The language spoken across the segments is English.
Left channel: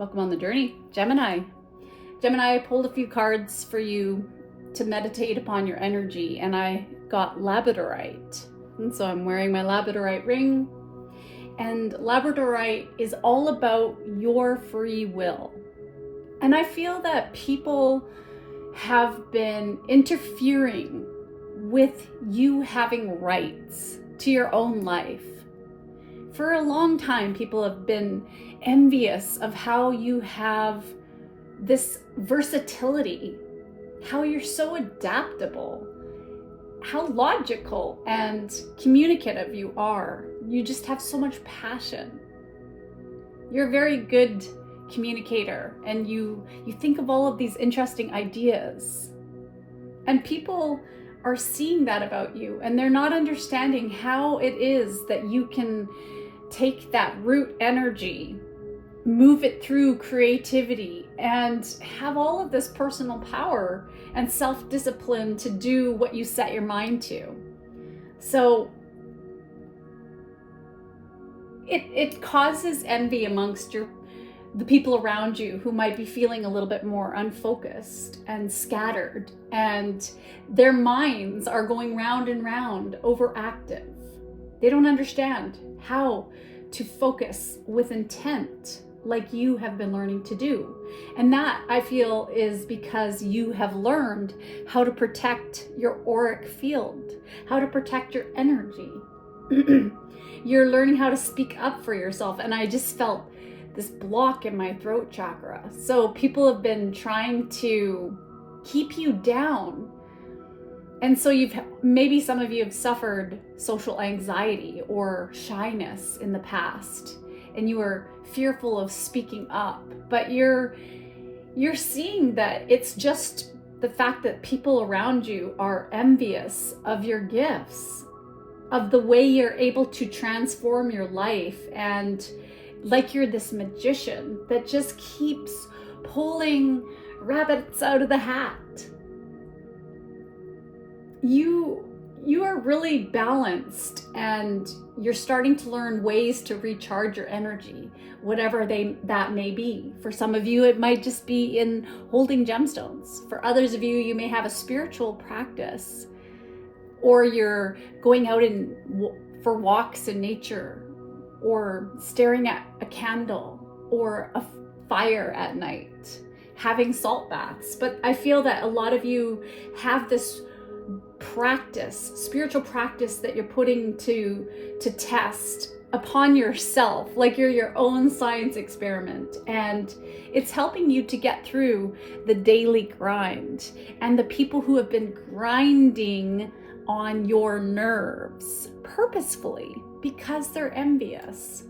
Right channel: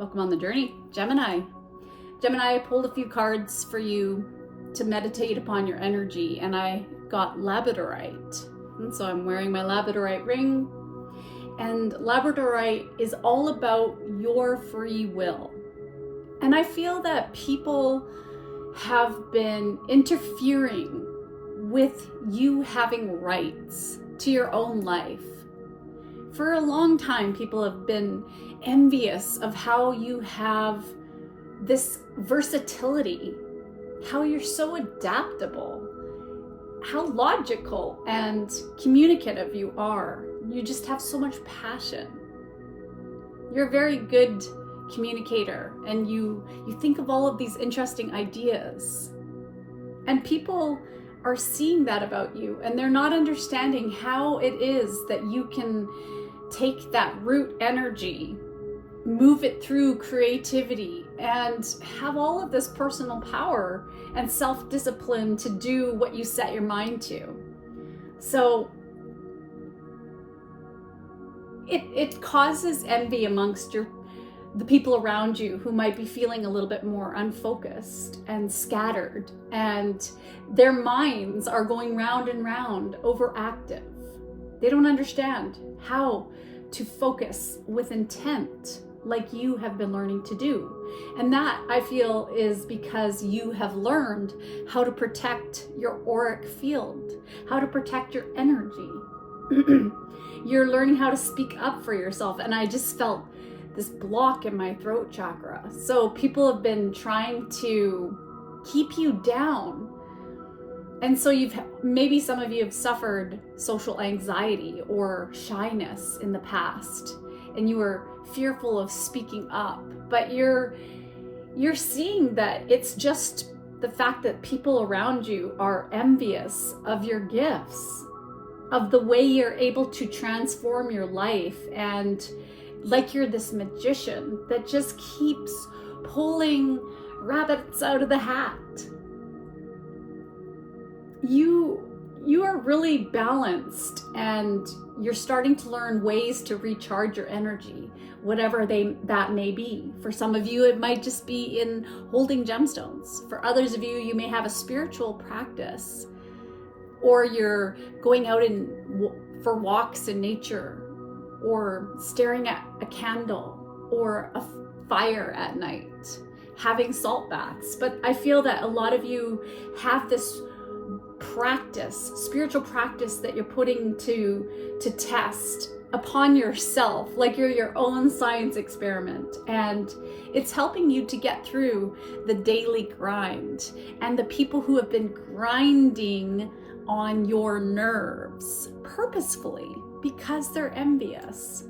Welcome on the journey, Gemini. Gemini, I pulled a few cards for you to meditate upon your energy, and I got labradorite. And so I'm wearing my labradorite ring, and labradorite is all about your free will. And I feel that people have been interfering with you having rights to your own life. For a long time, people have been envious of how you have this versatility, how you're so adaptable, how logical and communicative you are. You just have so much passion. You're a very good communicator, and you think of all of these interesting ideas. And people are seeing that about you, and they're not understanding how it is that you can take that root energy, move it through creativity, and have all of this personal power and self-discipline to do what you set your mind to. So it causes envy amongst the people around you who might be feeling a little bit more unfocused and scattered, and their minds are going round and round, overactive. They don't understand how to focus with intent like you have been learning to do. And that, I feel, is because you have learned how to protect your auric field, how to protect your energy. You're learning how to speak up for yourself. And I just felt this block in my throat chakra. So people have been trying to keep you down. And so maybe some of you have suffered social anxiety or shyness in the past, and you were fearful of speaking up, but you're seeing that it's just the fact that people around you are envious of your gifts, of the way you're able to transform your life, and like you're this magician that just keeps pulling rabbits out of the hat. You are really balanced, and you're starting to learn ways to recharge your energy, whatever that may be. For some of you, it might just be in holding gemstones. For others of you, you may have a spiritual practice, or you're going out for walks in nature, or staring at a candle or a fire at night, having salt baths. But I feel that a lot of you have this practice, spiritual practice, that you're putting to test upon yourself, like you're your own science experiment, and it's helping you to get through the daily grind and the people who have been grinding on your nerves purposefully because they're envious.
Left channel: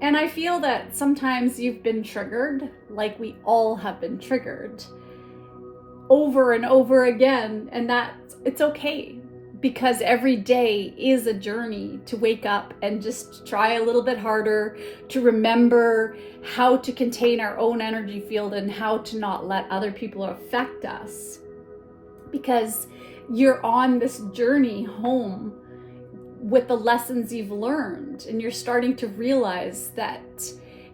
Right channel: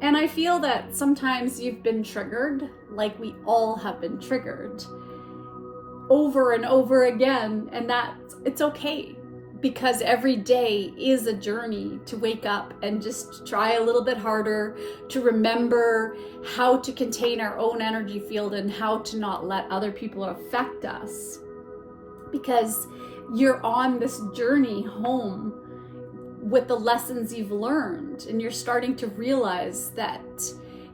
And I feel that sometimes you've been triggered, like we all have been triggered over and over again, and that it's okay, because every day is a journey to wake up and just try a little bit harder to remember how to contain our own energy field and how to not let other people affect us, because you're on this journey home with the lessons you've learned, and you're starting to realize that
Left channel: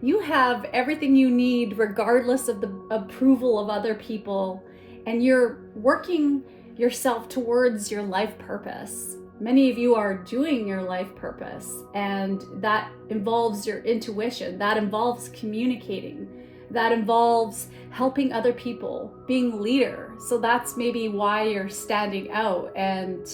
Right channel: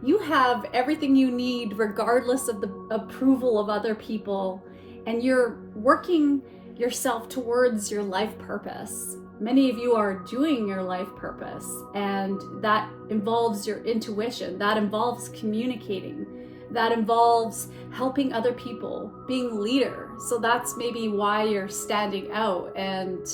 you have everything you need regardless of the approval of other people, and you're working yourself towards your life purpose. Many of you are doing your life purpose, and that involves your intuition, that involves communicating, that involves helping other people, being a leader. So that's maybe why you're standing out, and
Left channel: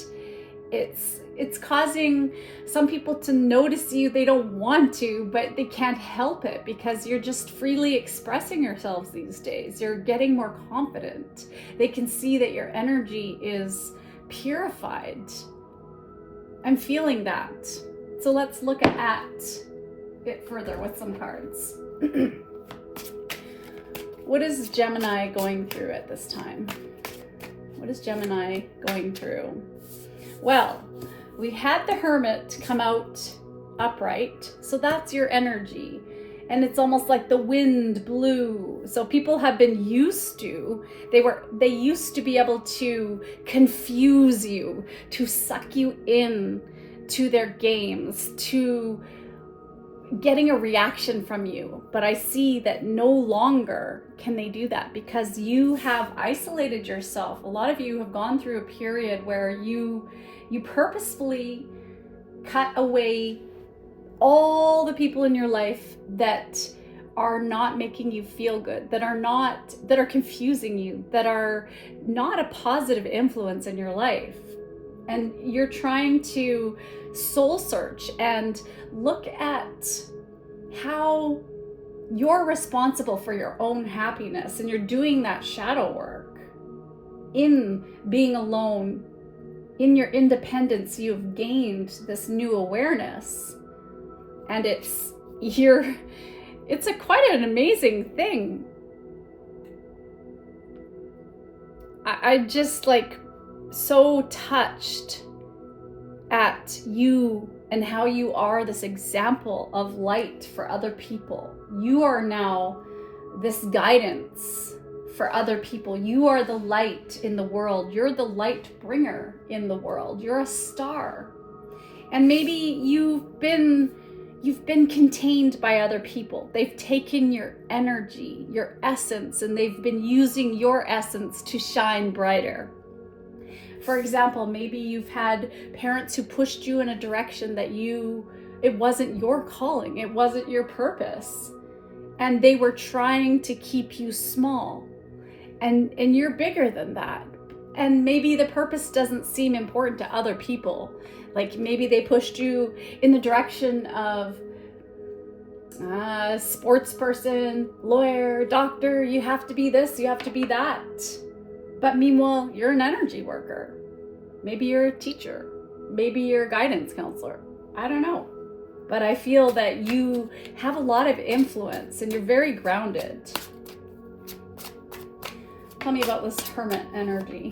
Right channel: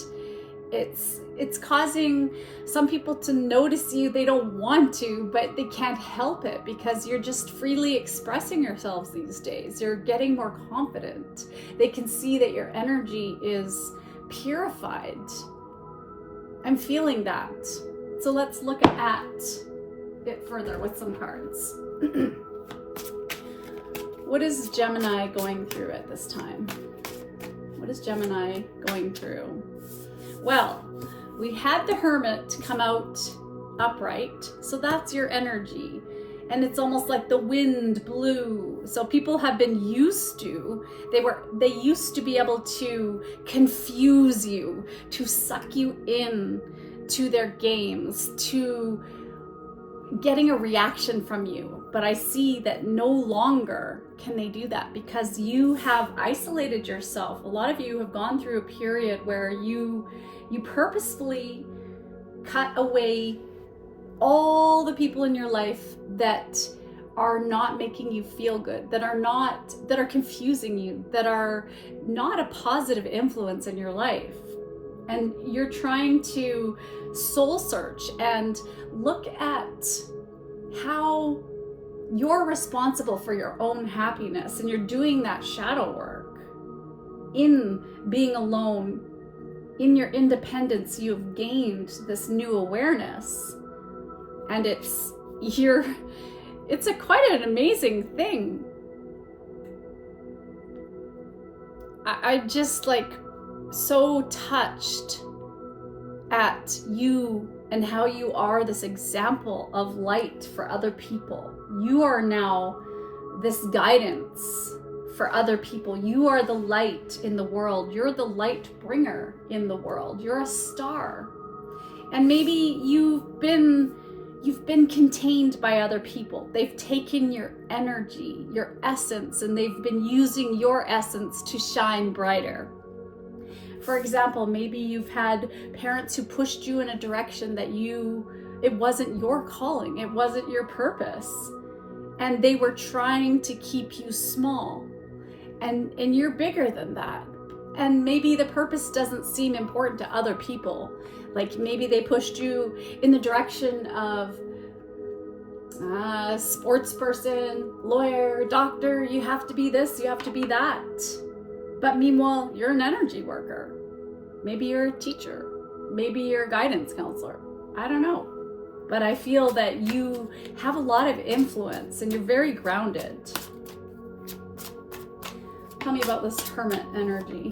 it's causing some people to notice you. They don't want to, but they can't help it because you're just freely expressing yourselves these days. You're getting more confident. They can see that your energy is purified. I'm feeling that. So let's look at it further with some cards. What is Gemini going through at this time? What is Gemini going through? Well, we had the Hermit come out upright, so that's your energy, and it's almost like the wind blew. So people have been used to, they used to be able to confuse you, to suck you in to their games, to getting a reaction from you, but I see that no longer can they do that because you have isolated yourself. A lot of you have gone through a period where you purposefully cut away all the people in your life that are not making you feel good, that are confusing you, that are not a positive influence in your life. And you're trying to soul search and look at how you're responsible for your own happiness, and you're doing that shadow work in being alone. In your independence, you've gained this new awareness, and it's quite an amazing thing. I just so touched at you and how you are this example of light for other people. You are now this guidance for other people. You are the light in the world. You're the light bringer in the world. You're a star. And maybe you've been contained by other people. They've taken your energy, your essence, and they've been using your essence to shine brighter. For example, maybe you've had parents who pushed you in a direction that it wasn't your calling, it wasn't your purpose, and they were trying to keep you small, and you're bigger than that. And maybe the purpose doesn't seem important to other people. Like maybe they pushed you in the direction of sports person, lawyer, doctor, you have to be this, you have to be that. But meanwhile, you're an energy worker. Maybe you're a teacher. Maybe you're a guidance counselor. I don't know. But I feel that you have a lot of influence and you're very grounded. Tell me about this hermit energy.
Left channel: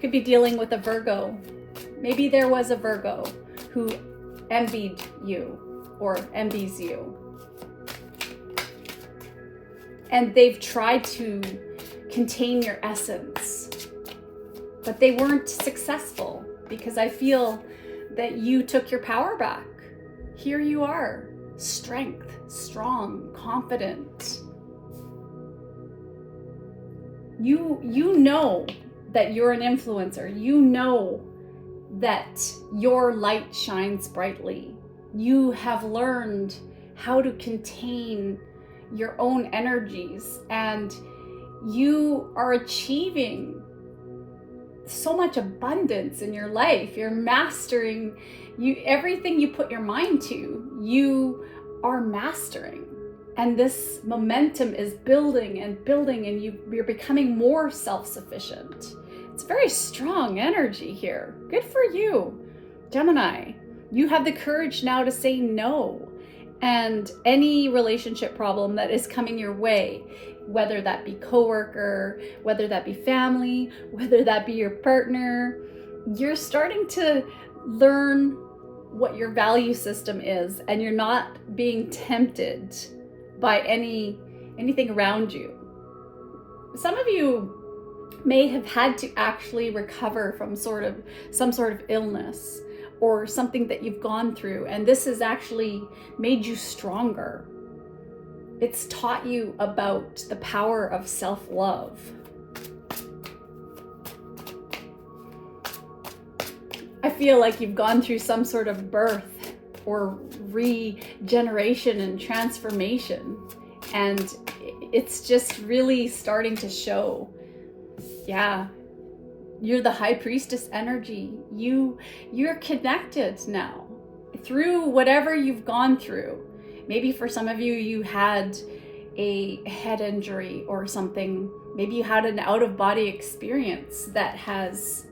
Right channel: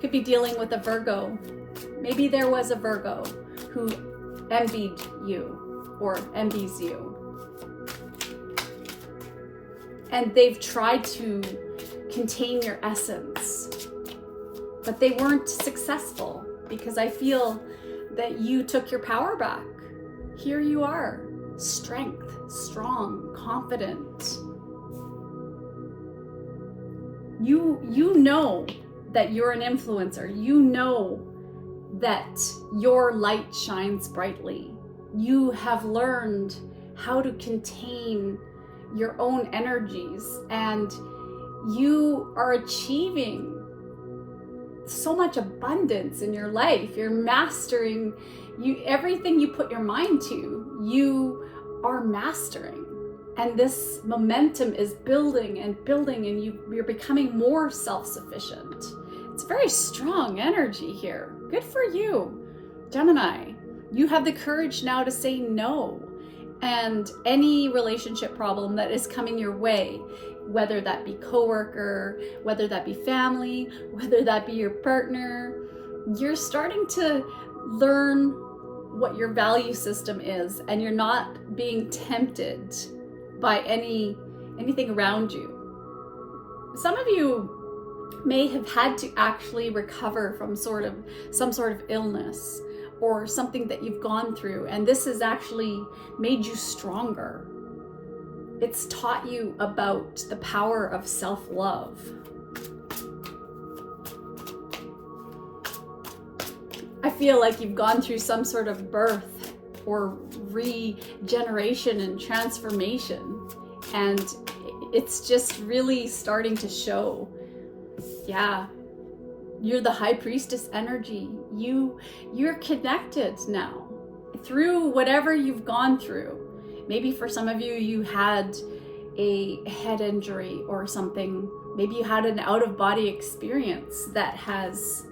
Could be dealing with a Virgo. Maybe there was a Virgo who envied you or envies you. And they've tried to contain your essence, but they weren't successful because I feel that you took your power back. Here you are, strength, strong, confident. You know that you're an influencer. You know that your light shines brightly. You have learned how to contain your own energies, and you are achieving so much abundance in your life. You're mastering everything you put your mind to, you are mastering. And this momentum is building and building, and you're becoming more self-sufficient. It's very strong energy here. Good for you, Gemini. You have the courage now to say no. And any relationship problem that is coming your way, whether that be coworker, whether that be family, whether that be your partner, you're starting to learn what your value system is, and you're not being tempted by anything around you. Some of you may have had to actually recover from some sort of illness or something that you've gone through, and this has actually made you stronger. It's taught you about the power of self-love. I feel like you've gone through some sort of birth or regeneration and transformation, and it's just really starting to show. Yeah, you're the high priestess energy. You're connected now through whatever you've gone through. Maybe for some of you, you had a head injury or something. Maybe you had an out-of-body experience that has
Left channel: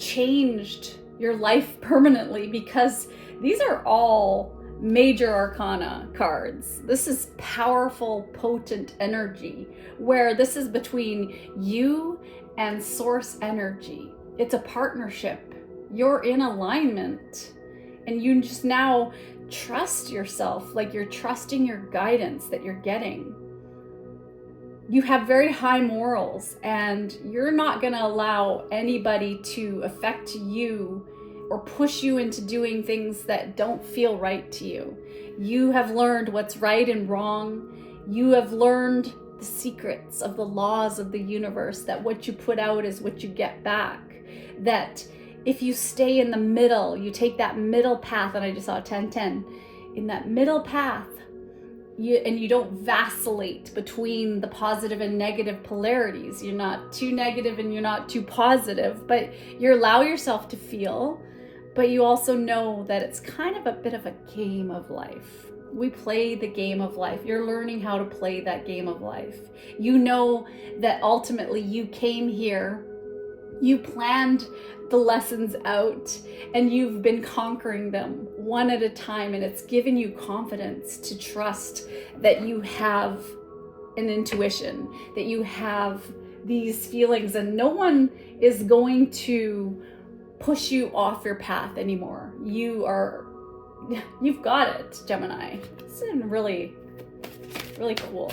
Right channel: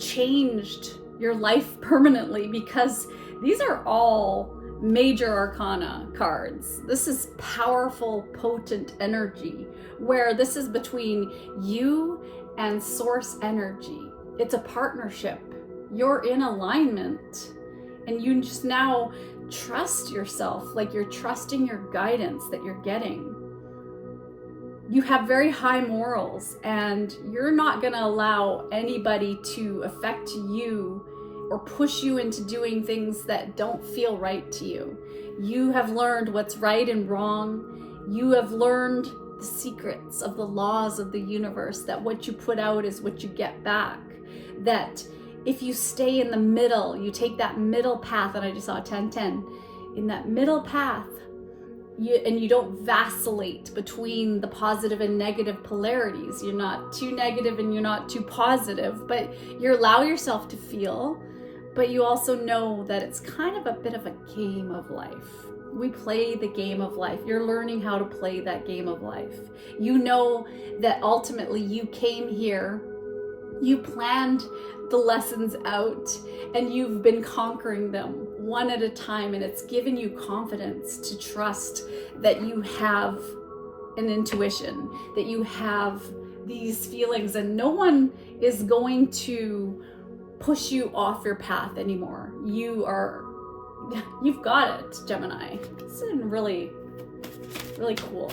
changed your life permanently, because these are all major arcana cards. This is powerful, potent energy, where this is between you and source energy. It's a partnership. You're in alignment, and you just now trust yourself, like you're trusting your guidance that you're getting. You have very high morals, and you're not going to allow anybody to affect you or push you into doing things that don't feel right to you. You have learned what's right and wrong. You have learned the secrets of the laws of the universe, that what you put out is what you get back. That if you stay in the middle, you take that middle path, and I just saw 10-10, in that middle path, you don't vacillate between the positive and negative polarities. You're not too negative and you're not too positive, but you allow yourself to feel, but you also know that it's kind of a bit of a game of life. We play the game of life. You're learning how to play that game of life. You know that ultimately you came here, you planned the lessons out, and you've been conquering them one at a time, and it's given you confidence to trust that you have an intuition, that you have these feelings, and no one is going to push you off your path anymore. You've got it, Gemini. It's really, really cool.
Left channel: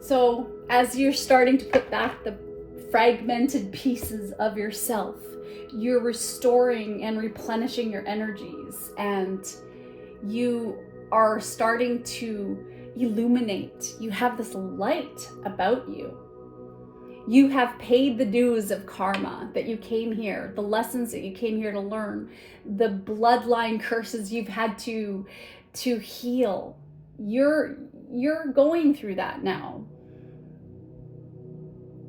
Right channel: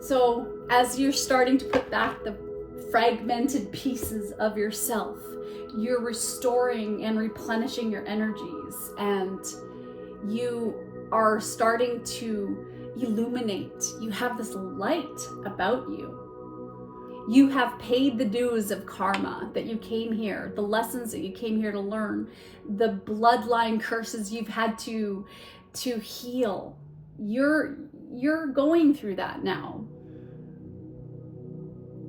So as you're starting to put back the fragmented pieces of yourself, you're restoring and replenishing your energies, and you are starting to illuminate. You have this light about you. You have paid the dues of karma that you came here, the lessons that you came here to learn, the bloodline curses you've had to heal. You're going through that now.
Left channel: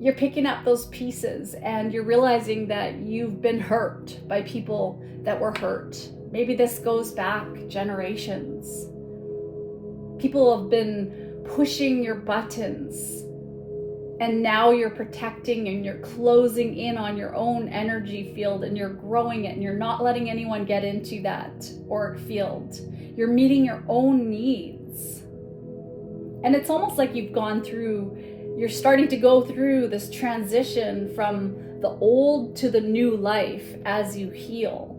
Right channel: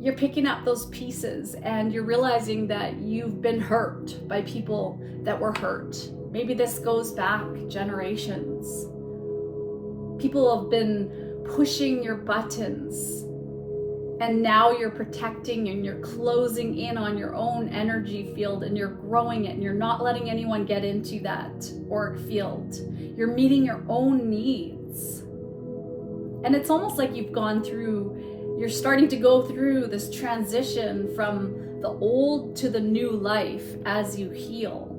You're picking up those pieces, and you're realizing that you've been hurt by people that were hurt. Maybe this goes back generations. People have been pushing your buttons, and now you're protecting and you're closing in on your own energy field, and you're growing it, and you're not letting anyone get into that auric field. You're meeting your own needs. And it's almost like you're starting to go through this transition from the old to the new life as you heal.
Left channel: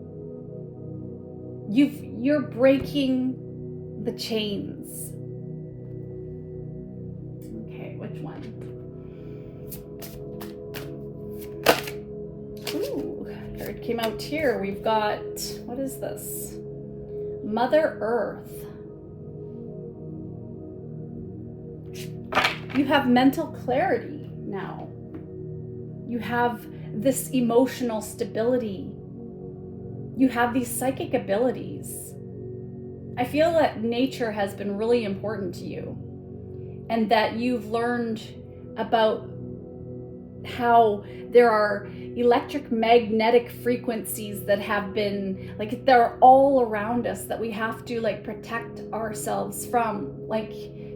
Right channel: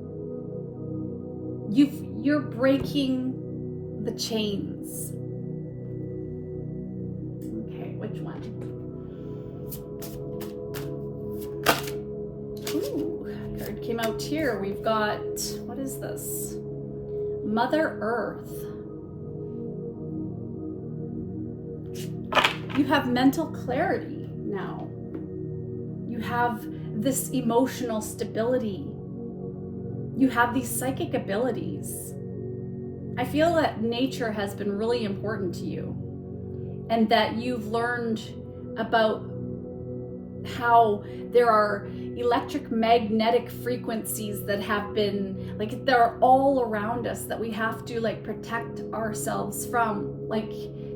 You're breaking the chains. Okay, which one? Ooh, card came out here. We've got, what is this? Mother Earth. You have mental clarity now. You have this emotional stability. You have these psychic abilities. I feel that nature has been really important to you, and that you've learned about how there are electric magnetic frequencies that have been, like, they're all around us, that we have to protect ourselves from,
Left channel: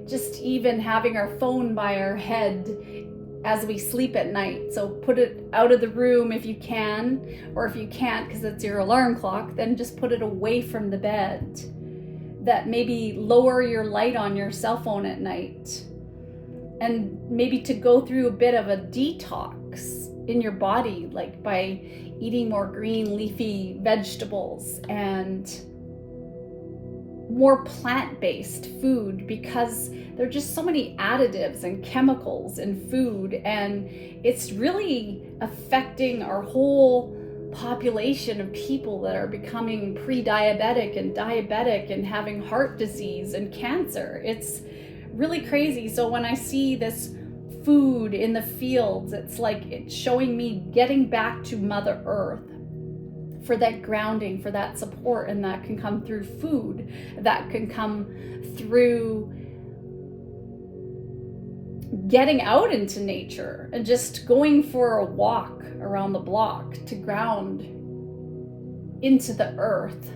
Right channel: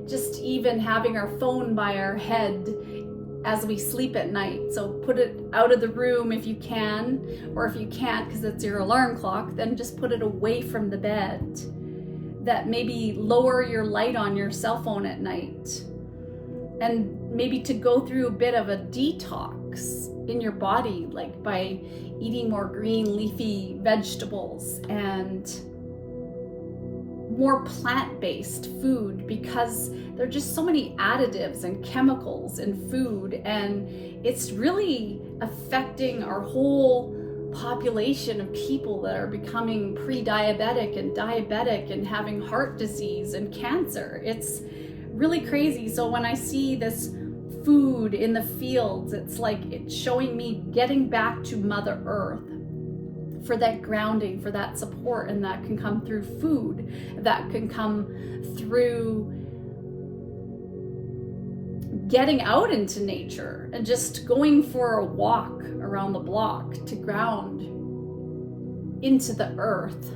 just even having our phone by our head as we sleep at night. So put it out of the room if you can, or if you can't because it's your alarm clock, then just put it away from the bed. That maybe lower your light on your cell phone at night, and maybe to go through a bit of a detox in your body, like by eating more green leafy vegetables and more plant-based food, because there are just so many additives and chemicals in food, and it's really affecting our whole population of people that are becoming pre-diabetic and diabetic and having heart disease and cancer. It's really crazy. So when I see this food in the fields, it's like it's showing me getting back to Mother Earth for that grounding, for that support, and that can come through food, that can come through getting out into nature and just going for a walk around the block to ground into the earth.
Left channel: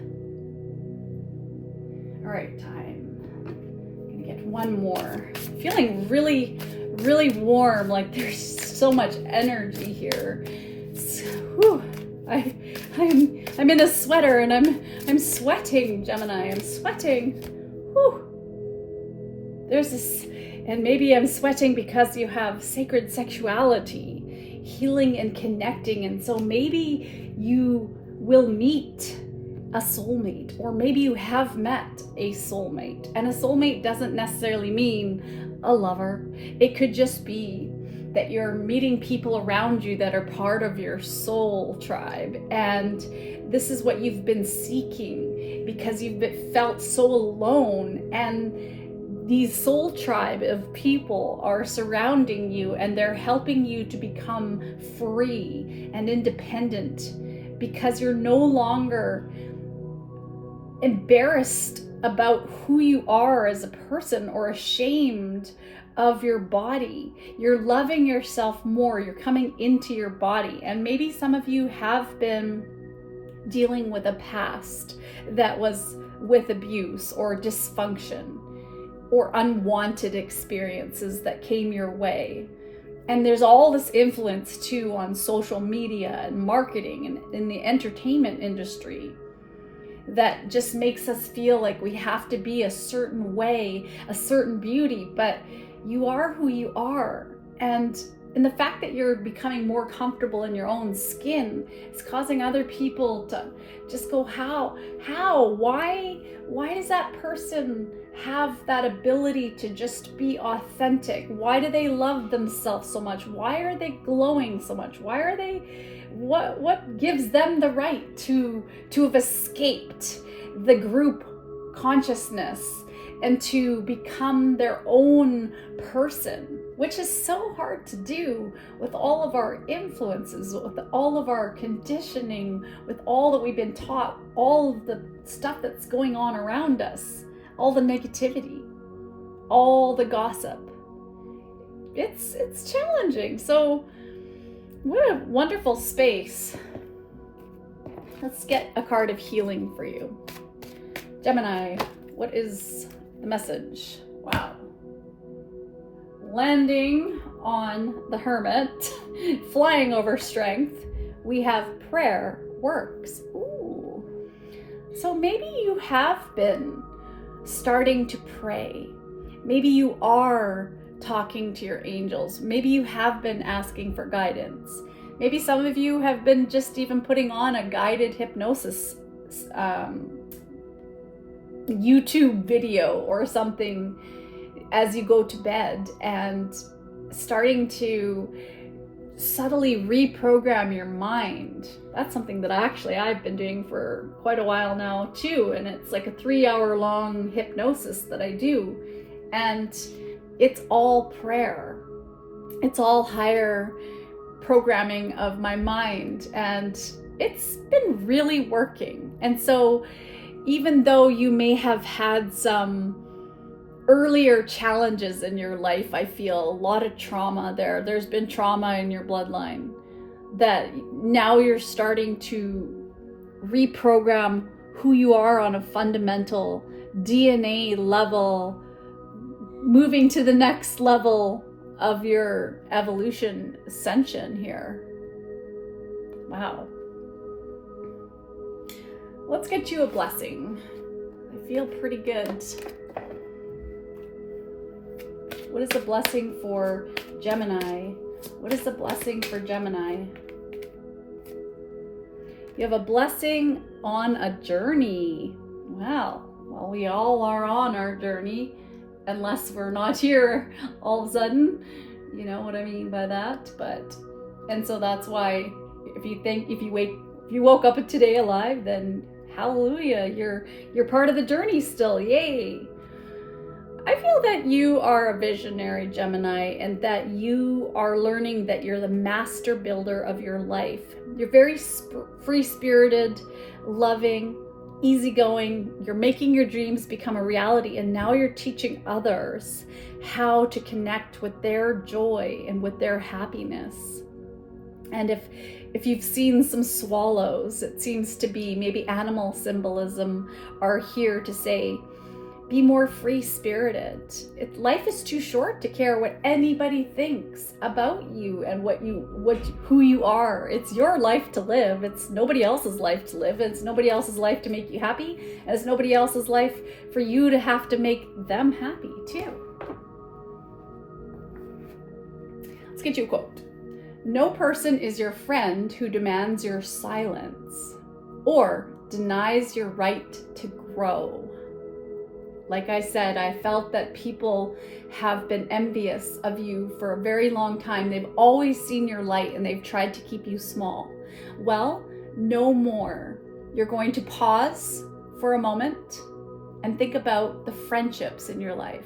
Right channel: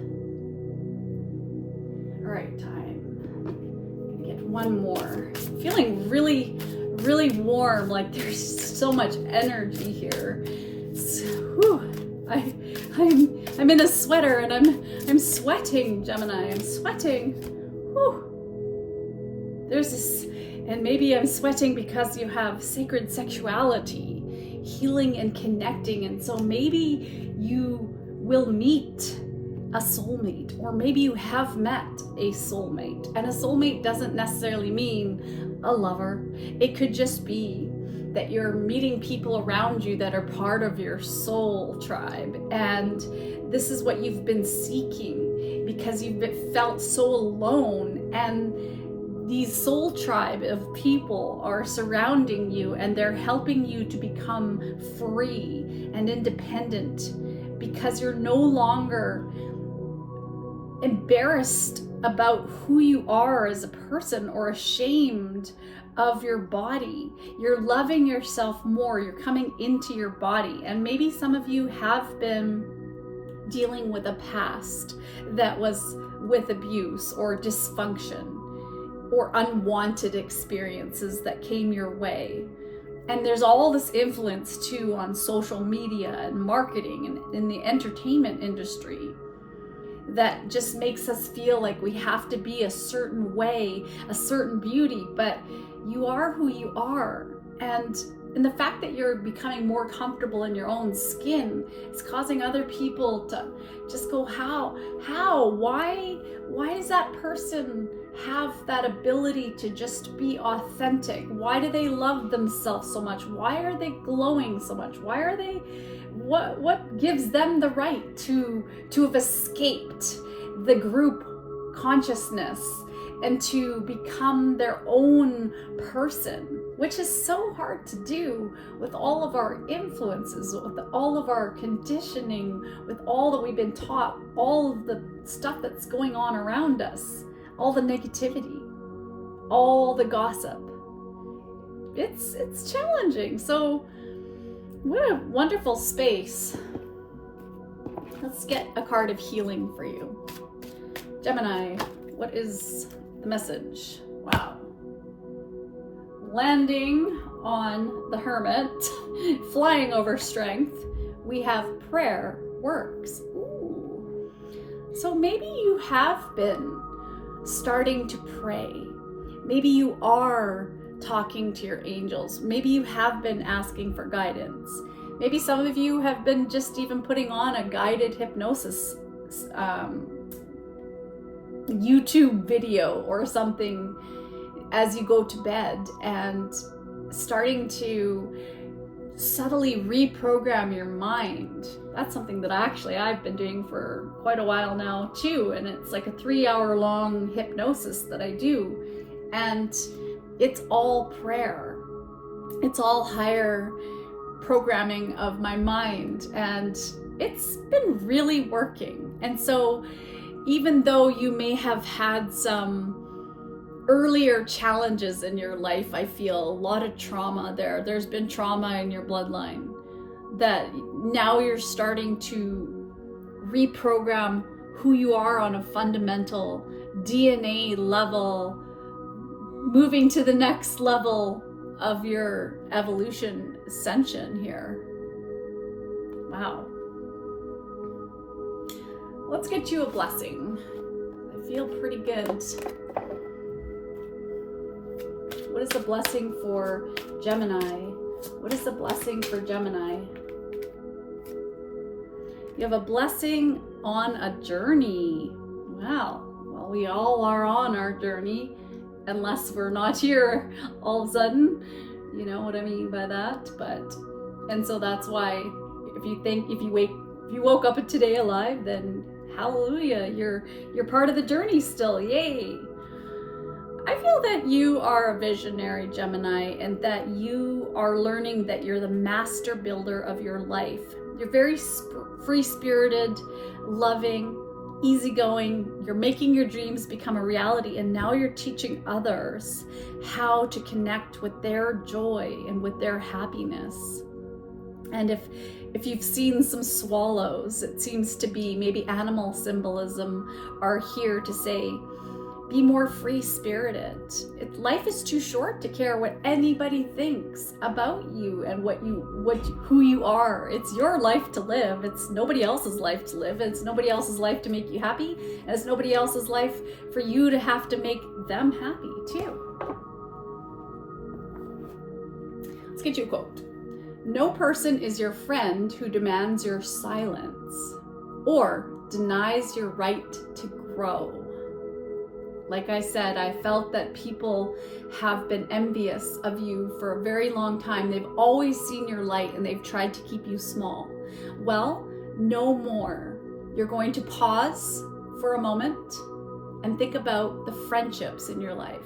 All right, I'm gonna get one more. Feeling really, really warm, like there's so much energy here. I'm in a sweater and I'm sweating, Gemini. I'm sweating. Whew. There's this, and maybe I'm sweating because you have sacred sexuality, healing and connecting, and so maybe you will meet a soulmate, or maybe you have met a soulmate. And a soulmate doesn't necessarily mean a lover. It could just be that you're meeting people around you that are part of your soul tribe. And this is what you've been seeking because you've felt so alone. And these soul tribe of people are surrounding you, and they're helping you to become free and independent because you're no longer embarrassed about who you are as a person or ashamed of your body. You're loving yourself more. You're coming into your body. And maybe some of you have been dealing with a past that was with abuse or dysfunction or unwanted experiences that came your way. And there's all this influence too on social media and marketing and in the entertainment industry that just makes us feel like we have to be a certain way, a certain beauty, but you are who you are. And the fact that you're becoming more comfortable in your own skin is causing other people to just go, why does that person have that ability to just be authentic? Why do they love themselves so much? Why are they glowing so much? Why are they, what gives them the right to have escaped the group consciousness and to become their own person, which is so hard to do with all of our influences, with all of our conditioning, with all that we've been taught, all of the stuff that's going on around us, all the negativity, all the gossip. It's challenging. So what a wonderful space. Let's get a card of healing for you. Gemini, what is the message? Wow. Landing on the Hermit, flying over strength, we have prayer works. Ooh. So maybe you have been starting to pray. Maybe you are talking to your angels. Maybe you have been asking for guidance. Maybe some of you have been just even putting on a guided hypnosis YouTube video or something as you go to bed, and starting to subtly reprogram your mind. That's something that I've been doing for quite a while now too, and it's like a 3-hour-long hypnosis that I do, and it's all prayer. It's all higher programming of my mind, and it's been really working. And so even though you may have had some earlier challenges in your life, I feel a lot of trauma there's been trauma in your bloodline that now you're starting to reprogram who you are on a fundamental DNA level, moving to the next level of your evolution ascension here. Wow. Let's get you a blessing. I feel pretty good. What is the blessing for Gemini? What is the blessing for Gemini? You have a blessing on a journey. Wow. Well, we all are on our journey, unless we're not here all of a sudden. You know what I mean by that? And so that's why if you woke up today alive, then hallelujah, you're part of the journey still. Yay. I feel that you are a visionary, Gemini, and that you are learning that you're the master builder of your life. You're very free-spirited, loving, easygoing. You're making your dreams become a reality, and now you're teaching others how to connect with their joy and with their happiness. And if you've seen some swallows, it seems to be maybe animal symbolism are here to say, be more free-spirited. Life is too short to care what anybody thinks about you and who you are. It's your life to live. It's nobody else's life to live. It's nobody else's life to make you happy. And it's nobody else's life for you to have to make them happy too. Let's get you a quote. No person is your friend who demands your silence or denies your right to grow. Like I said, I felt that people have been envious of you for a very long time. They've always seen your light and they've tried to keep you small. Well, no more. You're going to pause for a moment and think about the friendships in your life.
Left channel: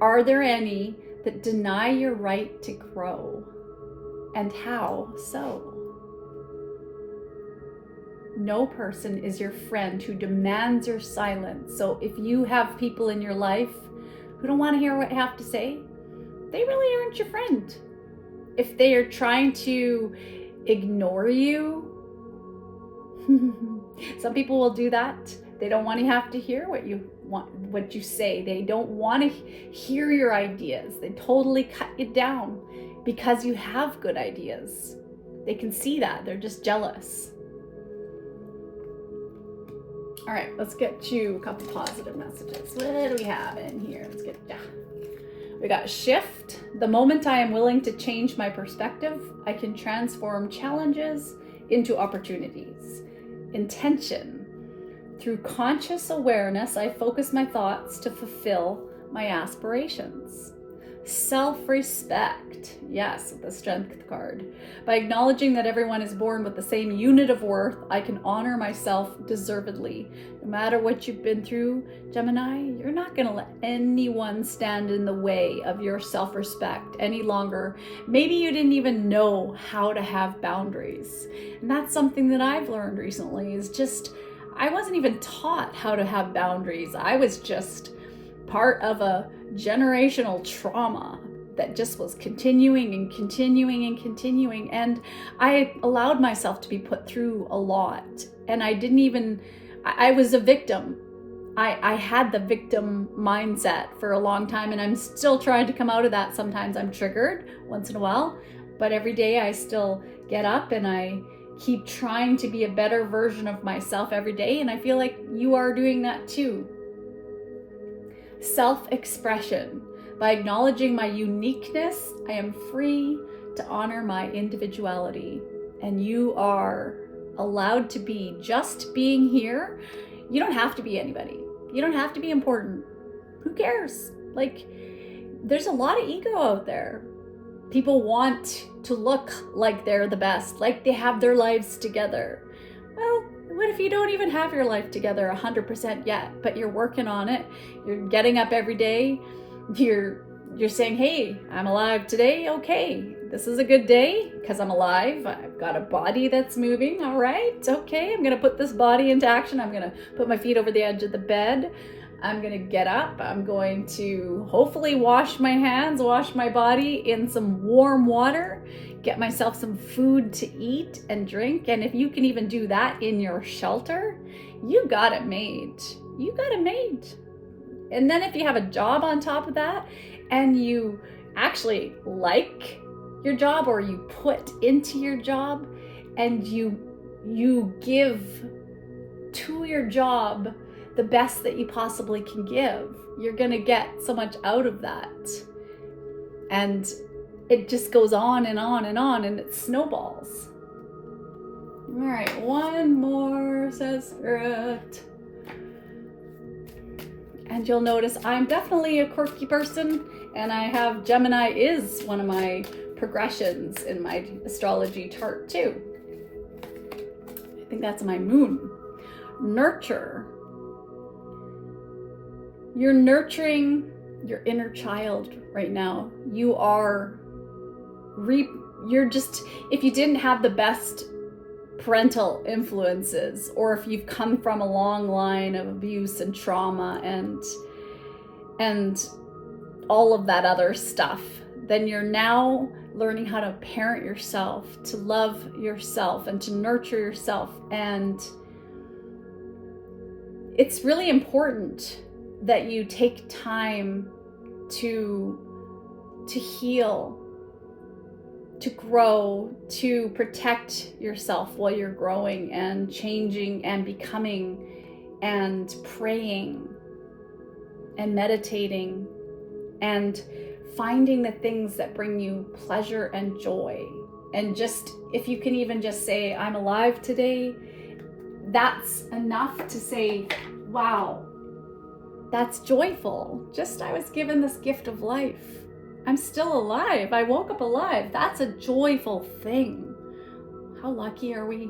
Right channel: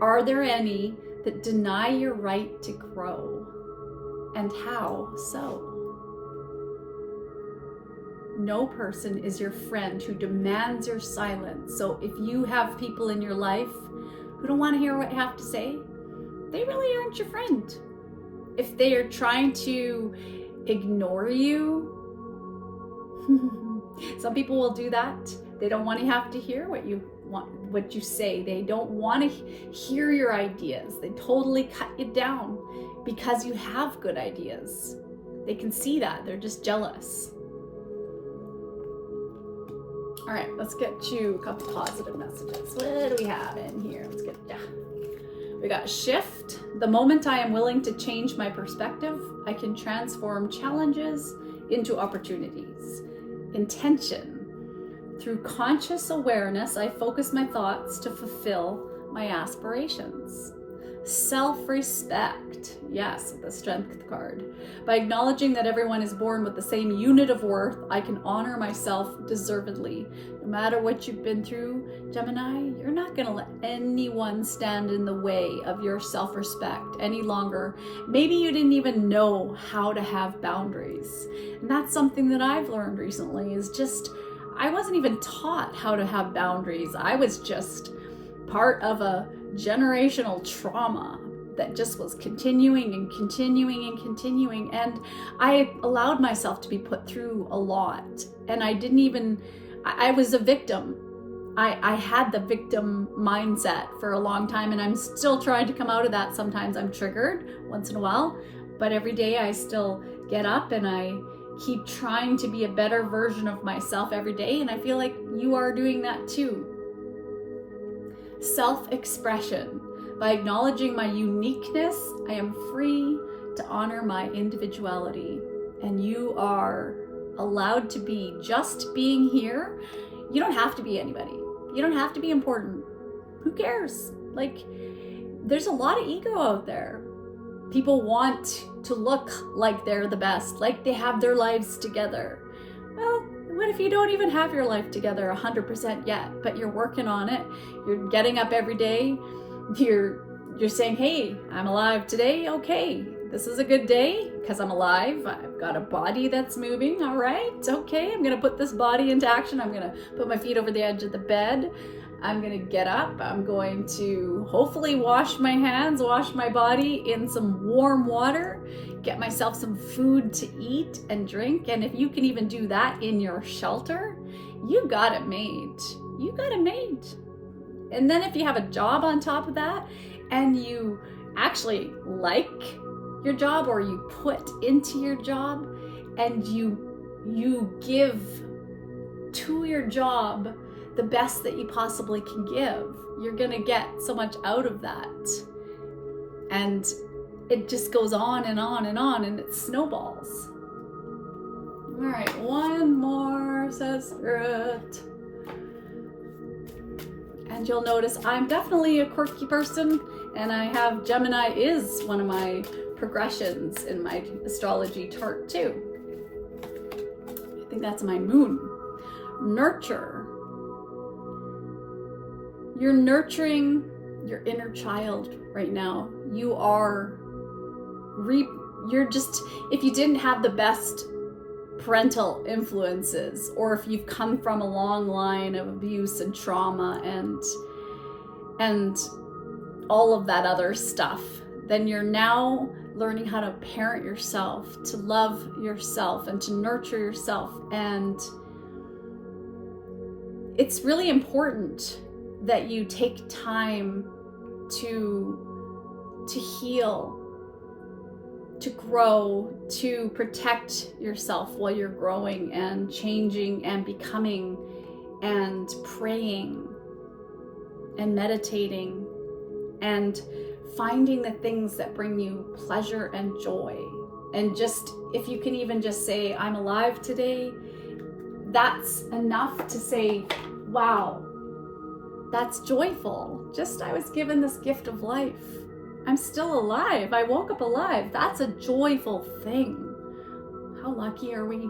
Are there any that deny your right to grow? And how so? No person is your friend who demands your silence. So if you have people in your life who don't want to hear what you have to say, they really aren't your friend. If they are trying to ignore you, some people will do that. They don't want to have to hear what you say. They don't want to hear your ideas. They totally cut you down because you have good ideas. They can see that. They're just jealous. All right, let's get you a couple positive messages. What do we have in here? We got shift. The moment I am willing to change my perspective, I can transform challenges into opportunities. Intention. Through conscious awareness, I focus my thoughts to fulfill my aspirations. Self-respect. Yes, the Strength card. By acknowledging that everyone is born with the same unit of worth, I can honor myself deservedly. No matter what you've been through, Gemini, you're not going to let anyone stand in the way of your self-respect any longer. Maybe you didn't even know how to have boundaries. And that's something that I've learned recently is just, I wasn't even taught how to have boundaries. I was just part of a generational trauma that just was continuing and continuing and continuing. And I allowed myself to be put through a lot. And I was a victim. I had the victim mindset for a long time, and I'm still trying to come out of that. Sometimes I'm triggered once in a while, but every day I still get up and I keep trying to be a better version of myself every day. And I feel like you are doing that too. Self-expression. By acknowledging my uniqueness, I am free to honor my individuality. And you are allowed to be just being here. You don't have to be anybody. You don't have to be important. Who cares? Like, there's a lot of ego out there. People want to look like they're the best, like they have their lives together. Well, what if you don't even have your life together 100% yet, but you're working on it? You're getting up every day. You're saying, hey, I'm alive today. Okay, this is a good day because I'm alive. I've got a body that's moving. All right, okay, I'm gonna put this body into action. I'm gonna put my feet over the edge of the bed. I'm gonna get up. I'm going to hopefully wash my hands, wash my body in some warm water, get myself some food to eat and drink. And if you can even do that in your shelter, you got it made. You got it made. And then if you have a job on top of that and you actually like your job, or you put into your job and you give to your job the best that you possibly can give, you're gonna get so much out of that. And it just goes on and on and on, and it snowballs. All right, one more, says Spirit. And you'll notice I'm definitely a quirky person, and I have Gemini is one of my progressions in my astrology chart too. I think that's my moon. Nurture. You're nurturing your inner child right now. You're just, if you didn't have the best parental influences, or if you've come from a long line of abuse and trauma and all of that other stuff, then you're now learning how to parent yourself, to love yourself and to nurture yourself. And it's really important that you take time to heal, to grow, to protect yourself while you're growing and changing and becoming and praying and meditating and finding the things that bring you pleasure and joy. And just, if you can even just say, I'm alive today, that's enough to say, wow, that's joyful. Just I was given this gift of life. I'm still alive. I woke up alive. That's a joyful thing. How lucky are we?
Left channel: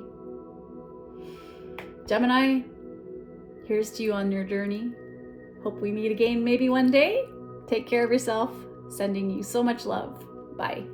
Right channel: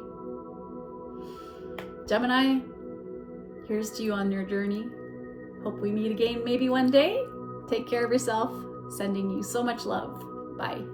Gemini, here's to you on your journey. Hope we meet again maybe one day. Take care of yourself. Sending you so much love. Bye.